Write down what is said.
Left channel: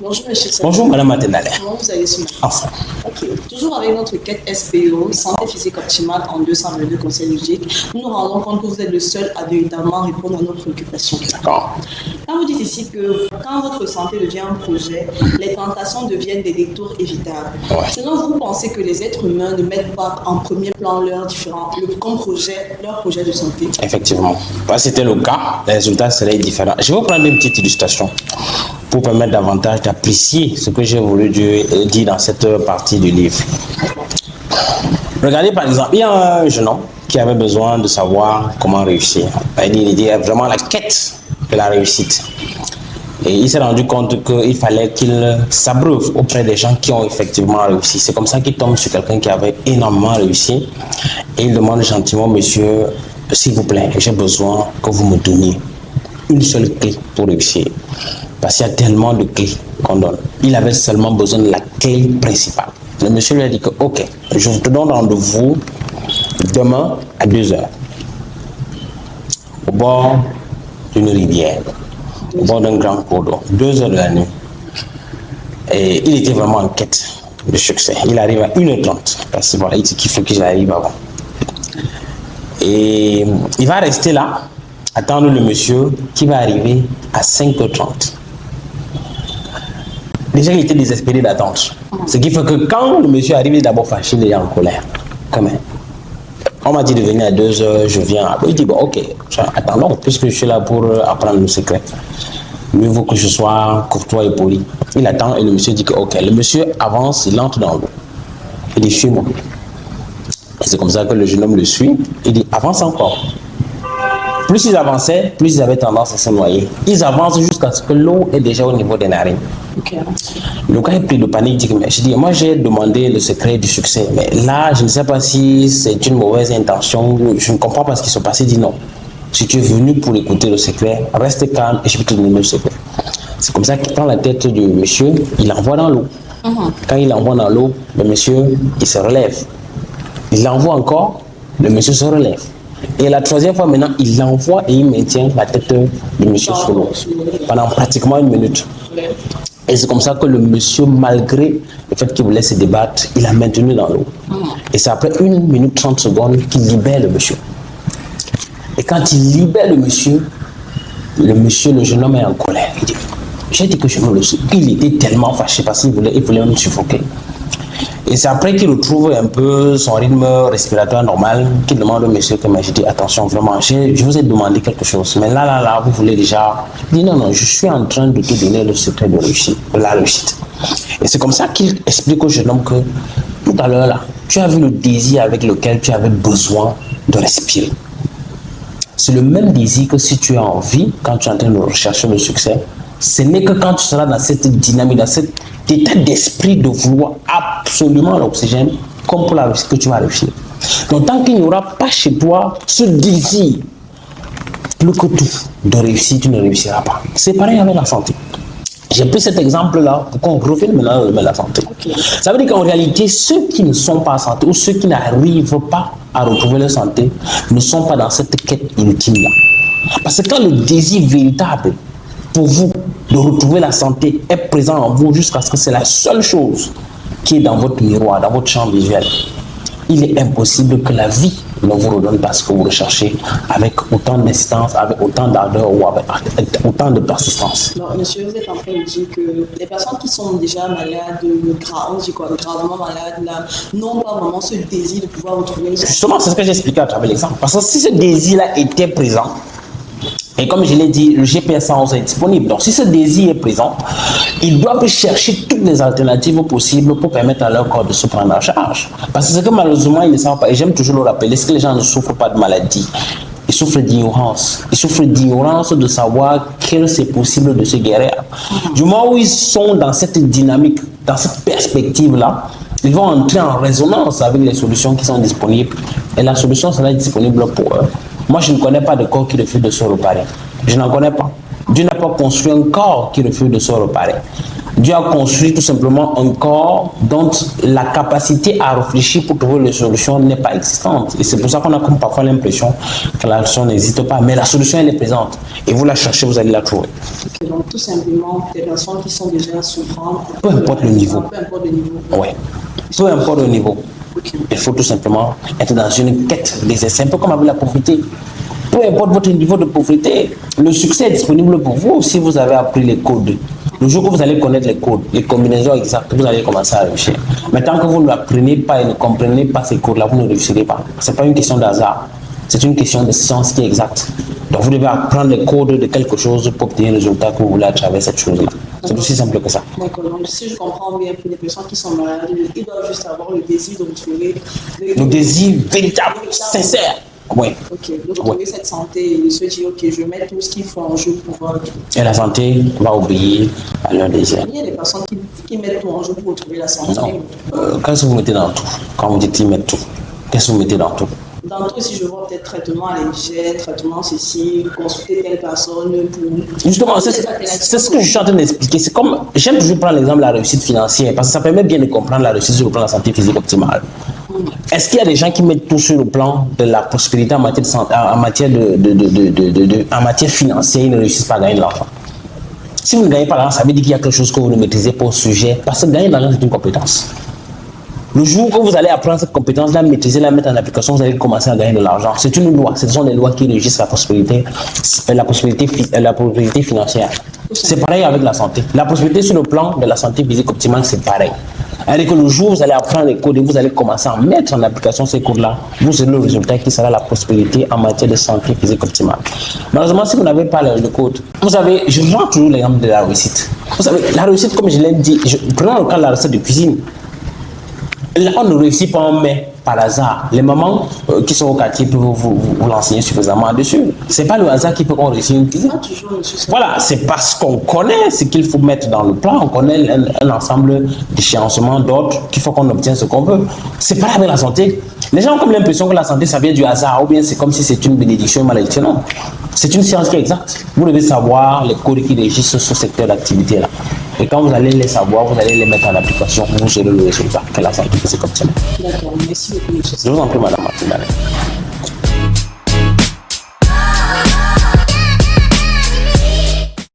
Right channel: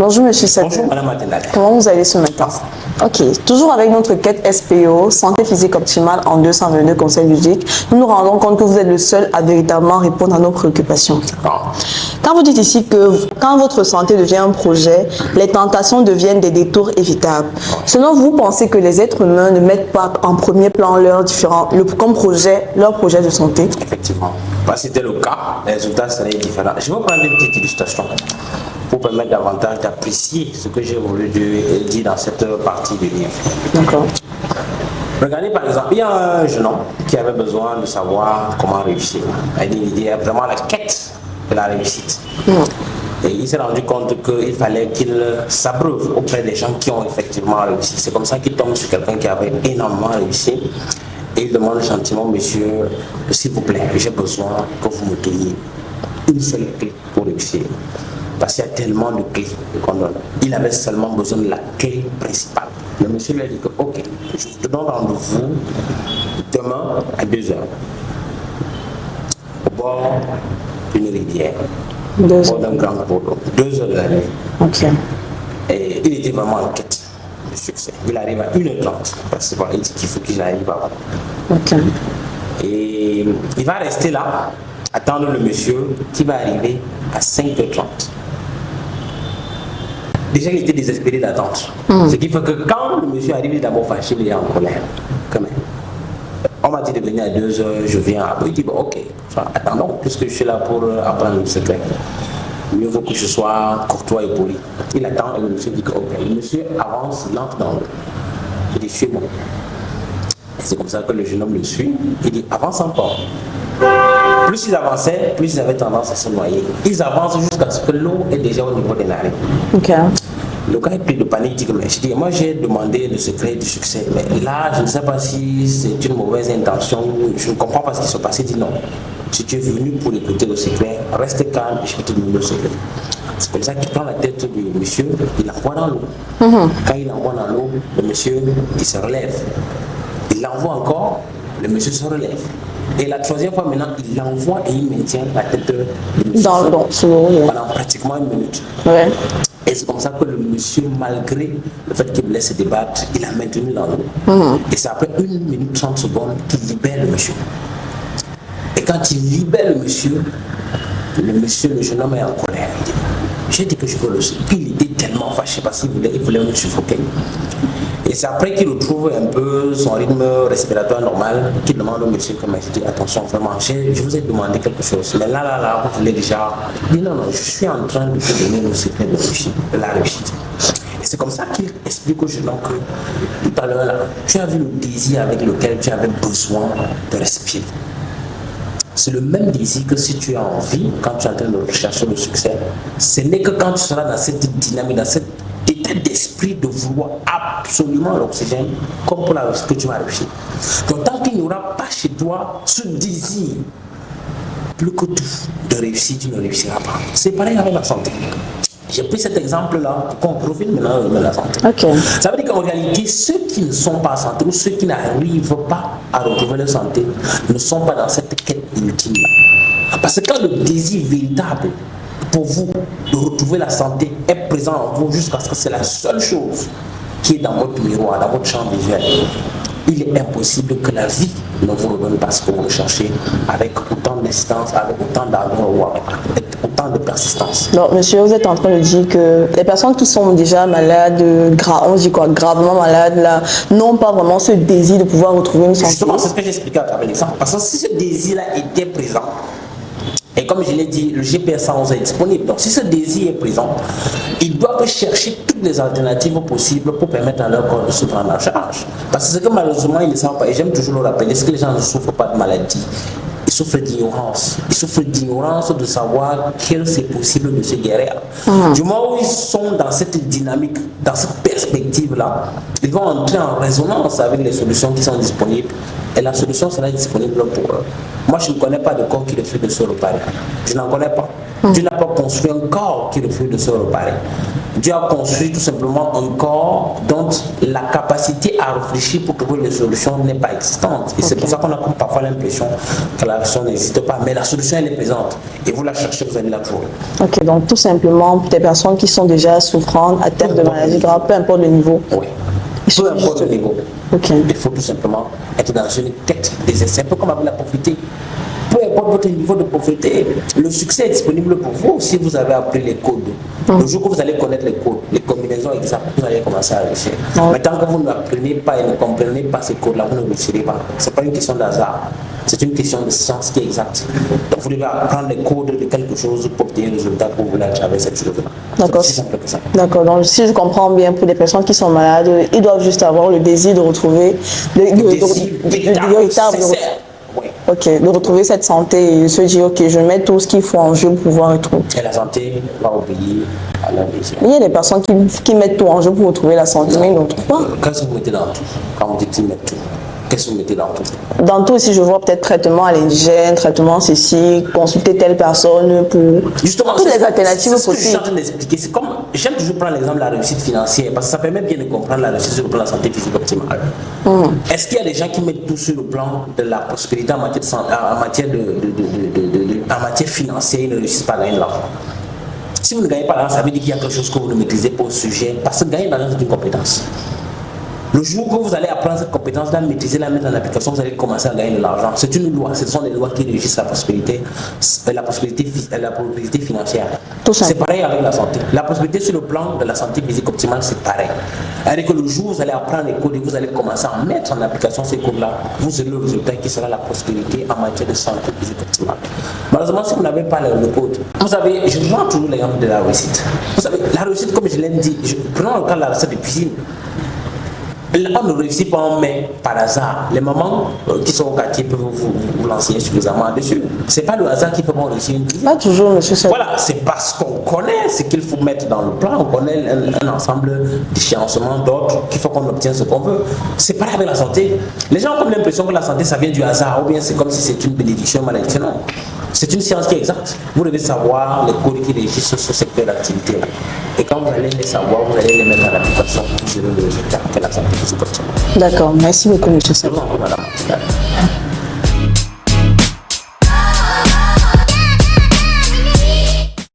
Bonjour Monsieur Sadou. Bonjour Madame Matenale. Comment vous allez ce matin? Ok, toujours avec notre quête SPO, Santé physique optimale en 222 conseils ludiques, nous nous rendons compte que vous êtes le seul à véritablement répondre à nos préoccupations. D'accord. Quand vous dites ici que quand votre santé devient un projet, les tentations deviennent des détours évitables. Ouais. Selon vous, pensez que les êtres humains ne mettent pas en premier plan leurs différents, comme projet, leur projet de santé? Effectivement. Là, c'était le cas, les résultats seraient différents. Je vais vous prendre une petite illustration pour permettre davantage d'apprécier ce que j'ai voulu dire dans cette partie du livre. D'accord. Regardez par exemple, il y a un jeune homme qui avait besoin de savoir comment réussir. Il est vraiment la quête de la réussite. Et il s'est rendu compte qu'il fallait qu'il s'abreuve auprès des gens qui ont effectivement réussi. C'est comme ça qu'il tombe sur quelqu'un qui avait énormément réussi. Et il demande gentiment, monsieur, s'il vous plaît, j'ai besoin que vous me donniez une seule clé pour réussir. Parce qu'il y a tellement de clés qu'on donne. Il avait seulement besoin de la clé principale. Le monsieur lui a dit que, ok, je vous donne rendez-vous demain à 2h. Au bord d'une rivière. Au bord d'un grand cours d'eau. 2h de la nuit. Ok. Et il était vraiment en quête de succès. Il arrive à 1h30. Parce que voilà, il dit qu'il faut qu'il arrive avant. Ok. Et il va rester là, attendre le monsieur qui va arriver à 5h30. Déjà, il était désespéré d'attendre. Ce qui fait que quand le monsieur arrive, il est d'abord fâché, il est en colère. Quand même. On m'a dit de venir à 2h, je viens. Il dit, bon, ok, attendons, puisque je suis là pour apprendre le secret. Mieux vaut que je sois courtois et poli. Il attend et le monsieur dit que, ok, le monsieur avance, il entre dans l'eau. Il dit, suis-moi. Et c'est comme ça que le jeune homme le suit. Il dit, avance encore. Plus ils avançaient, plus ils avaient tendance à se noyer. Ils avancent jusqu'à ce que l'eau est déjà au niveau des narines. Ok. Donc quand il est pris de panique, il dit, mais je dis, moi j'ai demandé le secret du succès. Mais là, je ne sais pas si c'est une mauvaise intention. Je ne comprends pas ce qui se passe. Il dit non. Si tu es venu pour écouter le secret, reste calme et je vais te donner le secret. C'est comme ça qu'il prend la tête du monsieur, il l'envoie dans l'eau. Quand il l'envoie dans l'eau, le monsieur, il se relève. Il l'envoie encore, le monsieur se relève. Et la troisième fois maintenant, il l'envoie et il maintient la tête du monsieur sous l'eau pendant pratiquement 1 minute. Ouais. Et c'est comme ça que le monsieur, malgré le fait qu'il voulait se débattre, il a maintenu dans l'eau. Et c'est après 1 minute 30 secondes qu'il libère le monsieur. Et quand il libère le monsieur, le jeune homme est en colère. Il dit, j'ai dit que je veux le suivre. Il était tellement fâché parce qu'il voulait même suffoquer. Et c'est après qu'il retrouve un peu son rythme respiratoire normal, qu'il demande au monsieur que, mais je dis, attention, vraiment, je vous ai demandé quelque chose, mais là, vous voulez déjà... Il dit, non, je suis en train de te donner le secret de la réussite. Et c'est comme ça qu'il explique au jeune homme que, tout à l'heure, là, tu as vu le désir avec lequel tu avais besoin de respirer. C'est le même désir que si tu as envie, quand tu es en train de rechercher le succès, ce n'est que quand tu seras dans cette dynamique, dans cet état d'esprit de vouloir absolument l'oxygène, comme pour la réussite que tu vas réussir. Donc tant qu'il n'y aura pas chez toi ce désir, plus que tout, de réussir, tu ne réussiras pas. C'est pareil avec la santé. J'ai pris cet exemple-là pour qu'on revienne maintenant à la santé. Okay. Ça veut dire qu'en réalité, ceux qui ne sont pas en santé ou ceux qui n'arrivent pas à retrouver leur santé ne sont pas dans cette quête ultime-là. Parce que quand le désir véritable pour vous de retrouver la santé est présent en vous jusqu'à ce que c'est la seule chose qui est dans votre miroir, dans votre champ visuel, il est impossible que la vie ne vous redonne pas ce que vous recherchez avec autant d'insistance, avec autant d'ardeur ou avec autant de persistance. Donc, monsieur, vous êtes en train de dire que les personnes qui sont déjà malades, on dit quoi, gravement malades, là, n'ont pas vraiment ce désir de pouvoir retrouver une santé. Justement, c'est ce que j'expliquais à travers l'exemple. Parce que si ce désir-là était présent, et comme je l'ai dit, le GPS 111 est disponible. Donc, si ce désir est présent, ils doivent chercher toutes les alternatives possibles pour permettre à leur corps de se prendre en charge. Parce que c'est que malheureusement, ils ne savent pas. Et j'aime toujours le rappeler, c'est que les gens ne souffrent pas de maladie. Ils souffrent d'ignorance. Ils souffrent d'ignorance de savoir que c'est possible de se guérir. Du moment où ils sont dans cette dynamique, dans cette perspective-là, ils vont entrer en résonance avec les solutions qui sont disponibles. Et la solution sera disponible pour eux. Moi, je ne connais pas de corps qui refuse de se réparer. Je n'en connais pas. Dieu n'a pas construit un corps qui refuse de se réparer. Dieu a construit tout simplement un corps dont la capacité à réfléchir pour trouver les solutions n'est pas existante. Et c'est pour ça qu'on a comme parfois l'impression que la solution n'existe pas. Mais la solution, elle est présente. Et vous la cherchez, vous allez la trouver. Ok, donc tout simplement, des personnes qui sont déjà souffrantes, atteintes de maladie, peu importe le niveau. Oui. Peu importe le niveau. Ok. Il faut tout simplement être dans une tête des essais, un peu comme avec la pauvreté. Peu importe votre niveau de pauvreté, le succès est disponible pour vous si vous avez appris les codes. Le jour que vous allez connaître les codes, les combinaisons exactes, vous allez commencer à réussir. Mais tant que vous ne l'apprenez pas et ne comprenez pas ces codes-là, vous ne réussirez pas. Ce n'est pas une question de hasard. C'est une question de science qui est exacte. Donc vous devez apprendre les codes de quelque chose pour obtenir le résultat que vous voulez à travers cette chose-là. C'est aussi simple que ça. D'accord. Donc si je comprends bien, pour les personnes qui sont malades, ils doivent juste avoir le désir de retrouver le désir véritable, sincère. Oui. Ok, de retrouver cette santé et de se dire, ok, je mets tout ce qu'il faut en jeu pour pouvoir retrouver. Et la santé va obéir à leur désir. Il y a des personnes qui mettent tout en jeu pour retrouver la santé, mais ils ne retrouvent pas. Qu'est-ce que vous mettez dans tout? Quand vous dites qu'ils mettent tout, qu'est-ce que vous mettez dans tout? Dans tout, si je vois peut-être traitement à l'indigène, traitement ceci, consulter telle personne pour... Justement, c'est les alternatives ce que je suis en train d'expliquer. C'est comme, j'aime toujours prendre l'exemple de la réussite financière parce que ça permet bien de comprendre la réussite sur le plan de la santé physique optimale. Est-ce qu'il y a des gens qui mettent tout sur le plan de la prospérité en matière, en matière financière, ils ne réussissent pas à gagner de l'argent? Si vous ne gagnez pas d'argent, ça veut dire qu'il y a quelque chose que vous ne maîtrisez pas au sujet, parce que gagner de l'argent, c'est une compétence. Le jour que vous allez apprendre cette compétence-là, maîtriser, la mettre en application, vous allez commencer à gagner de l'argent. C'est une loi. Ce sont des lois qui régissent la prospérité financière. C'est pareil avec la santé. La prospérité sur le plan de la santé physique optimale, c'est pareil. C'est-à-dire que le jour où vous allez apprendre les codes et vous allez commencer à mettre en application ces codes-là, vous aurez le résultat qui sera la prospérité en matière de santé physique optimale. Malheureusement, si vous n'avez pas le code, vous savez, je prends toujours l'exemple de la réussite. Vous savez, la réussite, comme je l'ai dit, prenons le cas de la recette de cuisine. On ne réussit pas en mai par hasard. Les mamans qui sont au quartier peuvent vous l'enseigner suffisamment dessus. C'est pas le hasard qui fait qu'on réussit une cuisine. Pas toujours, monsieur. Voilà, c'est parce qu'on connaît ce qu'il faut mettre dans le plan, on connaît un ensemble d'échéancements d'ordres qu'il faut qu'on obtienne ce qu'on veut. C'est pas avec la santé. Les gens ont comme l'impression que la santé, ça vient du hasard, ou bien c'est comme si c'est une bénédiction, malédiction. Non. C'est une science qui est exacte. Vous devez savoir les codes qui régissent ce secteur d'activité-là. Et quand vous allez les savoir, vous allez les mettre en application, vous aurez le résultat que la santé physique optimale. D'accord, merci beaucoup, monsieur. Je vous en prie, madame.